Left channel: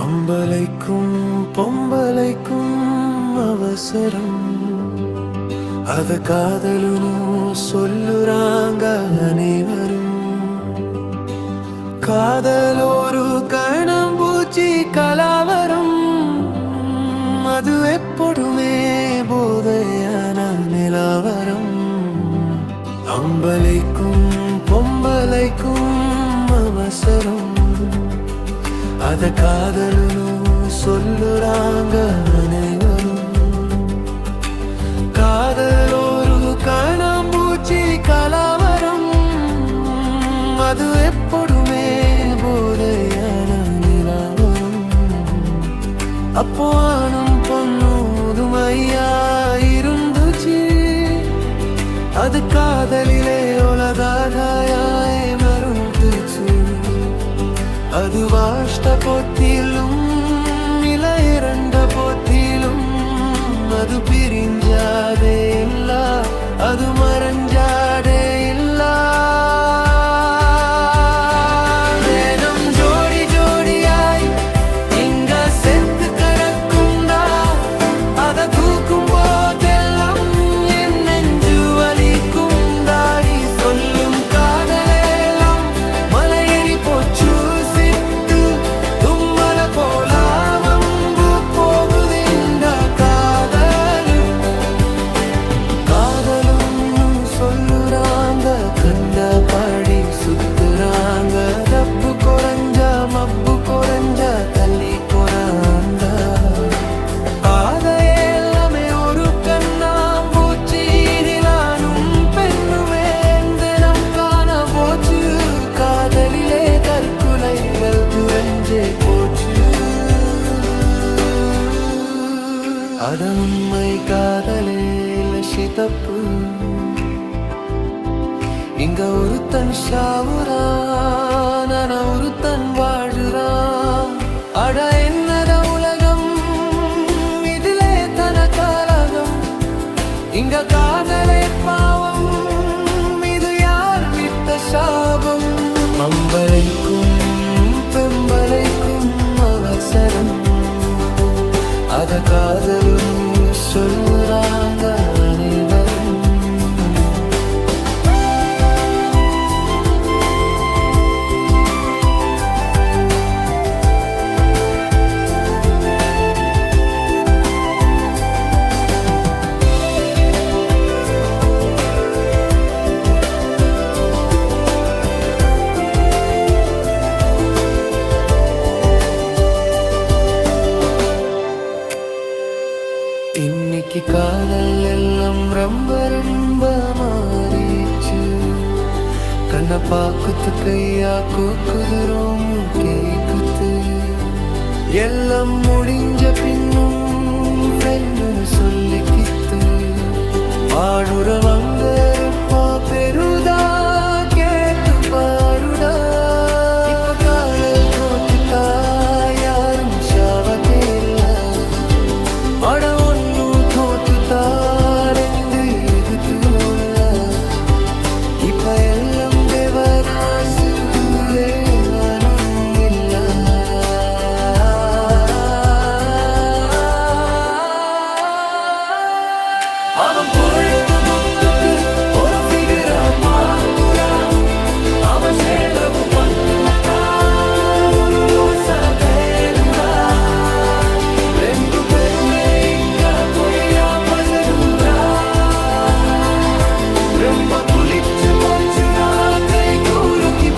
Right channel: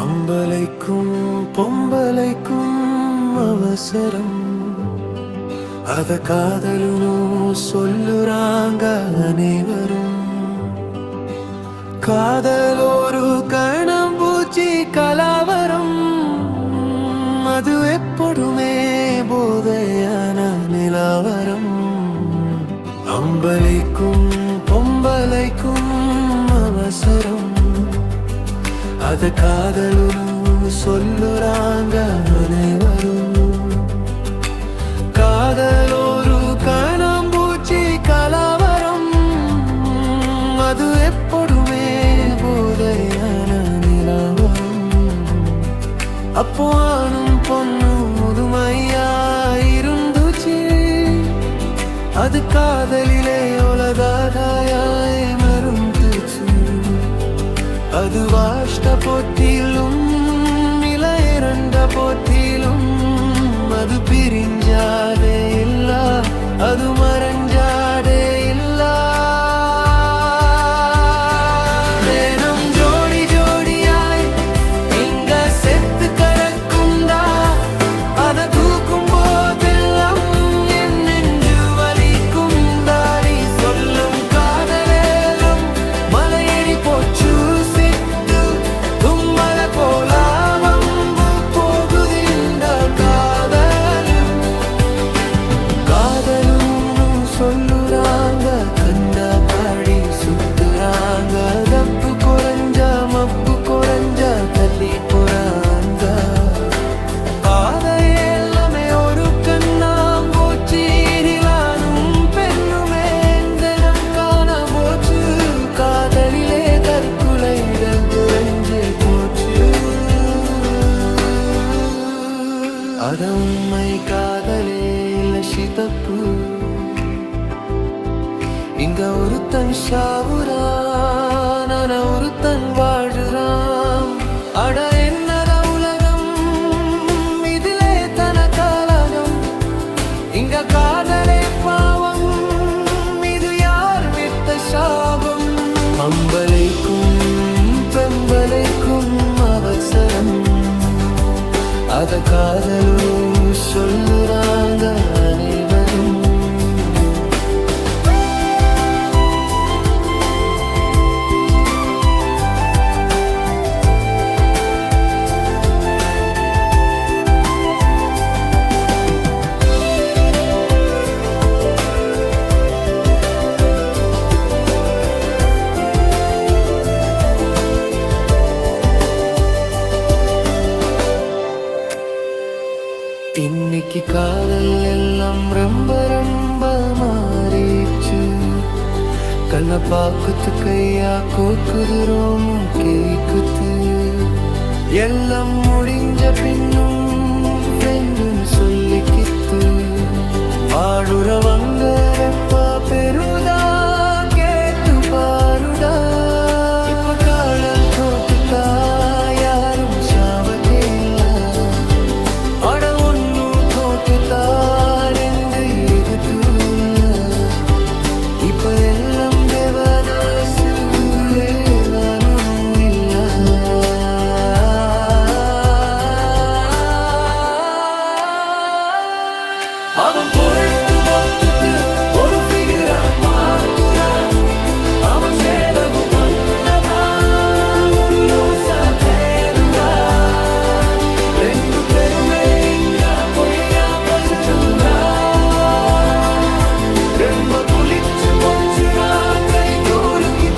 அம்பலைக்கும் பொம்பலைக்கும் அவசரம் அத காதலுன்னு சொல்லுறாங்க அனைவரும். காதல் ஒரு கணம்பூச்சி கலாவரம், அது எப்பொழுமே போதையான நிலவரம். அம்பலைக்கும் பொம்பலைக்கும் அவசரம் அத காதலுன்னு சொல்லுறாங்க அனைவரும். காதல் ஒரு கணம்பூச்சி கலாவரம், அது எப்பொழுமே போதையான நிலவரம். அப்போ ஆணும் பொண்ணும் முதுமையா இருந்துச்சு, அது காதலிலே ஒலதாதாயாய் மருந்துச்சு. அது வாஷ்ட போத்திலும் இல இரண்ட போத்திலும் அது பிரிஞ்சாதே இல்ல, அது மறைஞ்சாதே இல்ல. வேணும் ஜோடி ஜோடியாய் இங்க செத்து கிடக்கும்தா, அத தூக்கும் போதெல்லாம் என் நெஞ்சு வலிக்கும். தாடி சொல்லும் காதலேலம் மலையேறி போச்சு, சித்து தும்மல போல வம்பு போகுது இந்த காதலு. காதலுன்னு சொல்லுறாங்க, கண்டபடி சுத்துறாங்க. தப்பு குறைஞ்சா மப்பு குறைஞ்சா தள்ளி போறாங்க. பாதையெல்லாமே ஒரு கண்ணாம் போச்சு, நிலானும் பெண்ணுமே தினம் காண போச்சு. காதலிலே தற்கொலைகள் நிறைஞ்சே போச்சு. அத உண்மை காதலே இல்ல சிதப்பு, இங்க ஒருத்தன் சாவுறான், ஆனா ஒருத்தன் வாழுறான். அட என்னத உலகம், இதிலே தனக்காலகம். இங்க காதலே பாவம், இது யார் விட்ட சாபம். அம்பலைக்கும் பெம்பலைக்கும் அவசரம் அத காதலுன்னு சொல்லுறாங்க அனைவரும். இன்னைக்கு காதல் எல்லாம் ரொம்ப ரொம்ப மாறிச்சு. கண்ண பாக்குத்து கையா கோக்குது ரோமு கேக்குது. எல்லாம் முடிஞ்ச பின்னும் ஃப்ரெண்டுன்னு சொல்லிக்கித்து. ஆடுறவங்க ரொம்ப பெருதா கேட்டு பாருடா. இப்ப காதல் தோத்துட்டா யாரும் சாவதே இல்ல. அட ஒன்னு தோத்துட்டா ரெண்டு இருக்குல்ல. இப்ப எல்லாம் தேவதாசு தேவனும் இல்ல. அவன் பொழுத்து பொத்துக்கு ஒரு ஃபிகரா பாக்குறா. அவன் செலவு பண்ணதான் ஒரு லூசா தேடுறா. ரெண்டு பேருமே இங்க பொய்யா பசதுரா. ரொம்ப புளிச்சு போச்சுனா கை கூலுக்கி